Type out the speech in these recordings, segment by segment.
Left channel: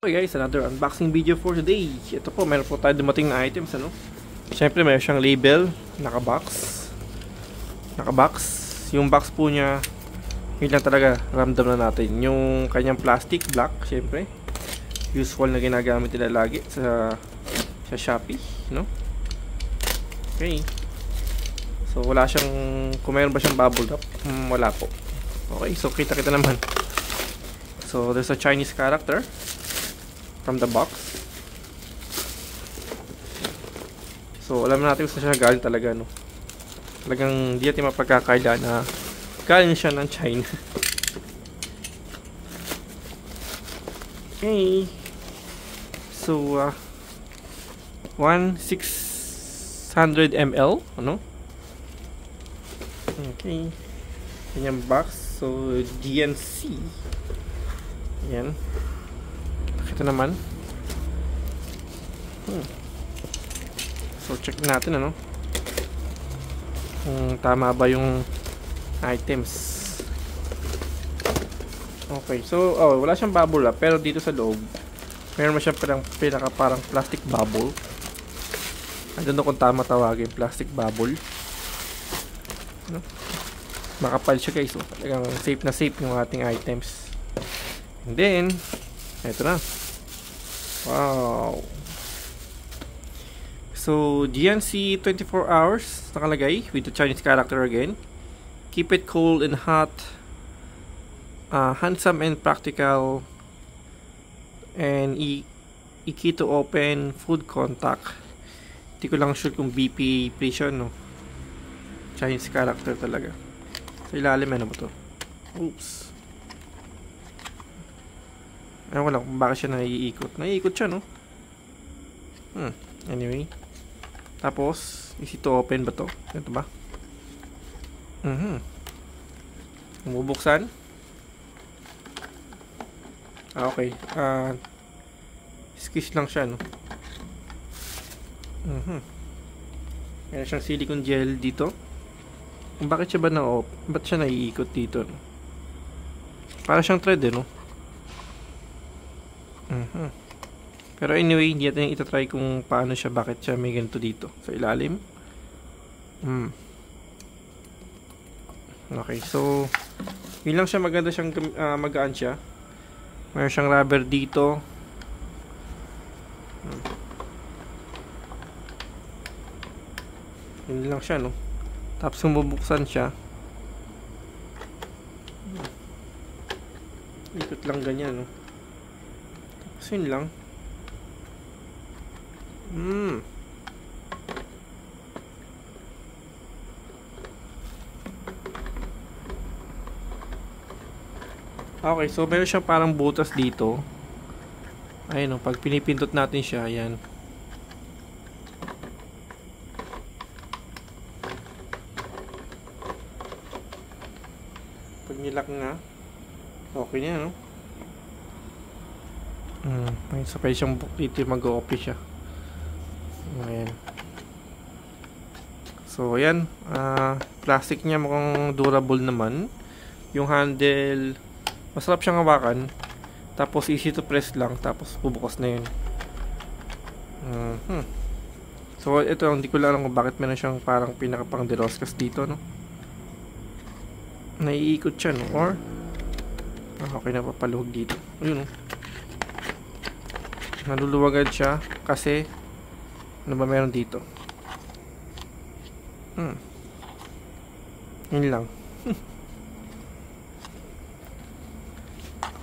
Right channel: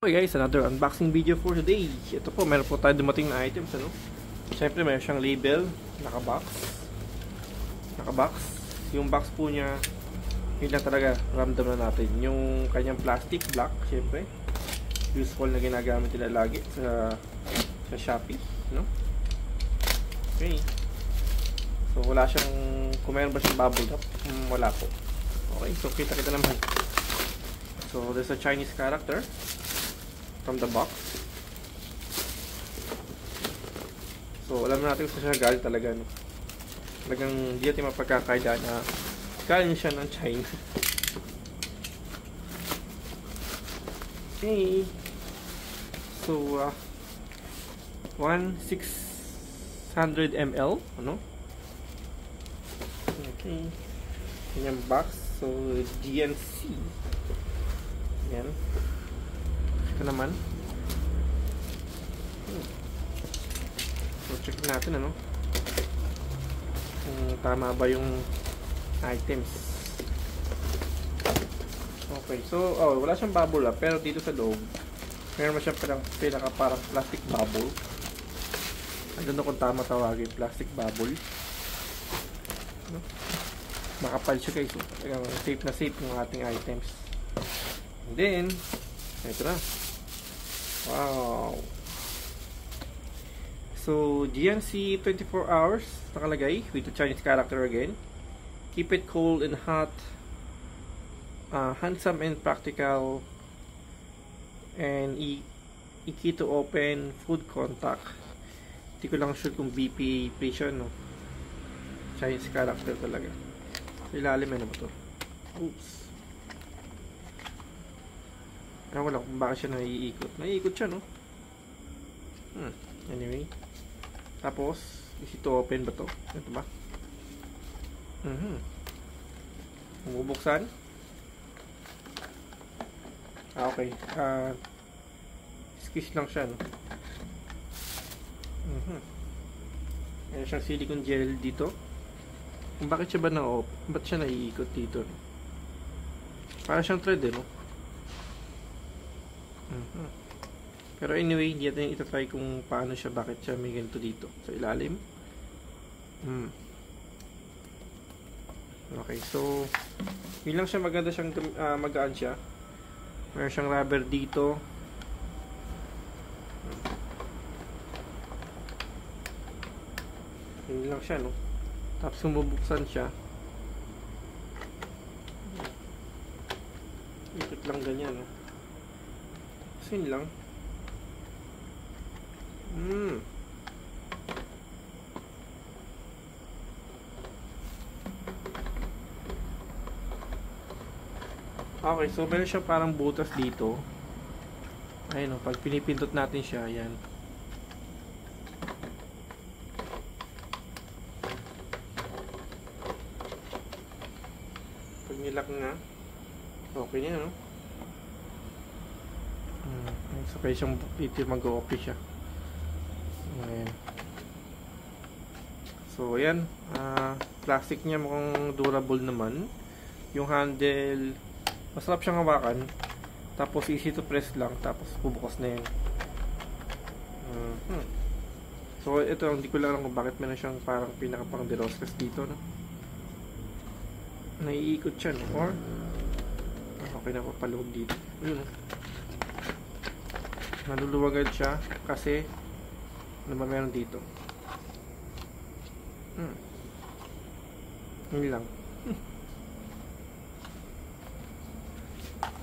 Okay guys, another unboxing video for today. Ito po, meron po tayo dumating na items, ano? Siyempre, meron siyang label, nakabox. Yung box po niya, yun lang talaga, ramdam na natin. Yung kanyang plastic, black, siyempre. Usual na ginagamit nila lagi sa Shopee, no? Okay. So, wala siyang, kung meron ba siyang bubble wrap? Wala po. Okay, so kita-kita naman. So, there's a Chinese character from the box. So alam natin kung saan siya galing talaga, no? Talagang di natin mapagkakaila na galing siya ng China. Okay. So 1,600 ml, ano? Okay. Yan yung box. So GNC. Yan. Ito naman. So check natin, ano, kung tama ba yung items. Okay, so wala siyang bubble wrap, pero dito sa loob meron siya parang plastic bubble. I don't know kung tama tawagin, plastic bubble, no? Makapal siya guys, so talagang safe na safe yung ating items. And then ito na. Wow. So GNC 24 hours nakalagay with the Chinese character again. Keep it cold and hot, handsome and practical, and key to open food contact. Hindi ko lang sure kung BPA please yun, no? Chinese character talaga. So ilalim, ano ba to? Oops. Ewan ko lang kung bakit siya naiikot. Naiikot siya, no? Anyway. Tapos, easy to open ba to? Ito ba? Bubuksan. Okay. Squish lang siya, no? Meron siyang silicone gel dito. Bakit siya ba ba't siya naiikot dito, no? Parang siyang thread, no? Pero anyway, hindi natin itatry kung paano siya, bakit siya may ganito dito sa ilalim. Okay, so yun lang siya, maganda siyang magaan siya. Mayroon siyang rubber dito. Yun lang siya, no? Tapos kung bubuksan siya, ikot lang ganyan, no? So yun lang. Okay, so meron siyang parang butas dito. Ayun, no, pag pinipindot natin siya, ayan. Pag nilak nga, okay niya, no? May sakay siyang book dito, mag-o-open siya. Ayan. So ayan, plastic niya mukhang durable naman. Yung handle, masarap siyang hawakan. Tapos easy to press lang, tapos bubukas na yun. So ito, hindi ko lang alam kung bakit meron siyang parang pinakapang deroscas dito, no? Naiikot siya, no? Or okay na, papaluhog dito. Ayun, no? Naluluwagad siya kasi ano ba meron dito? Yun lang.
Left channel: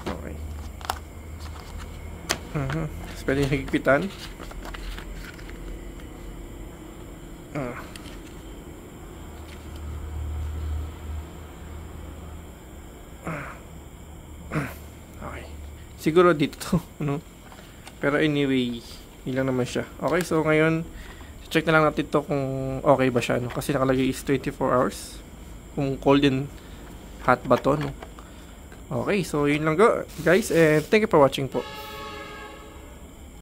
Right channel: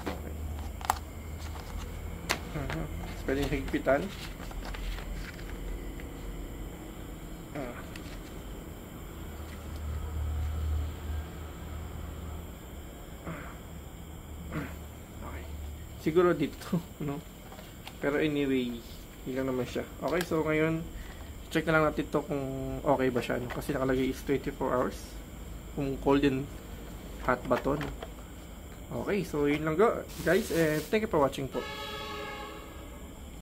Okay. Tapos pwede higpitan. Okay. Siguro dito, no? Pero anyway, yun lang naman siya. Okay, so ngayon check na lang natin to kung okay ba siya, no? Kasi nakalagay is 24 hours. Kung cold and hot ba to, no? Okay, so yun lang guys, and thank you for watching po.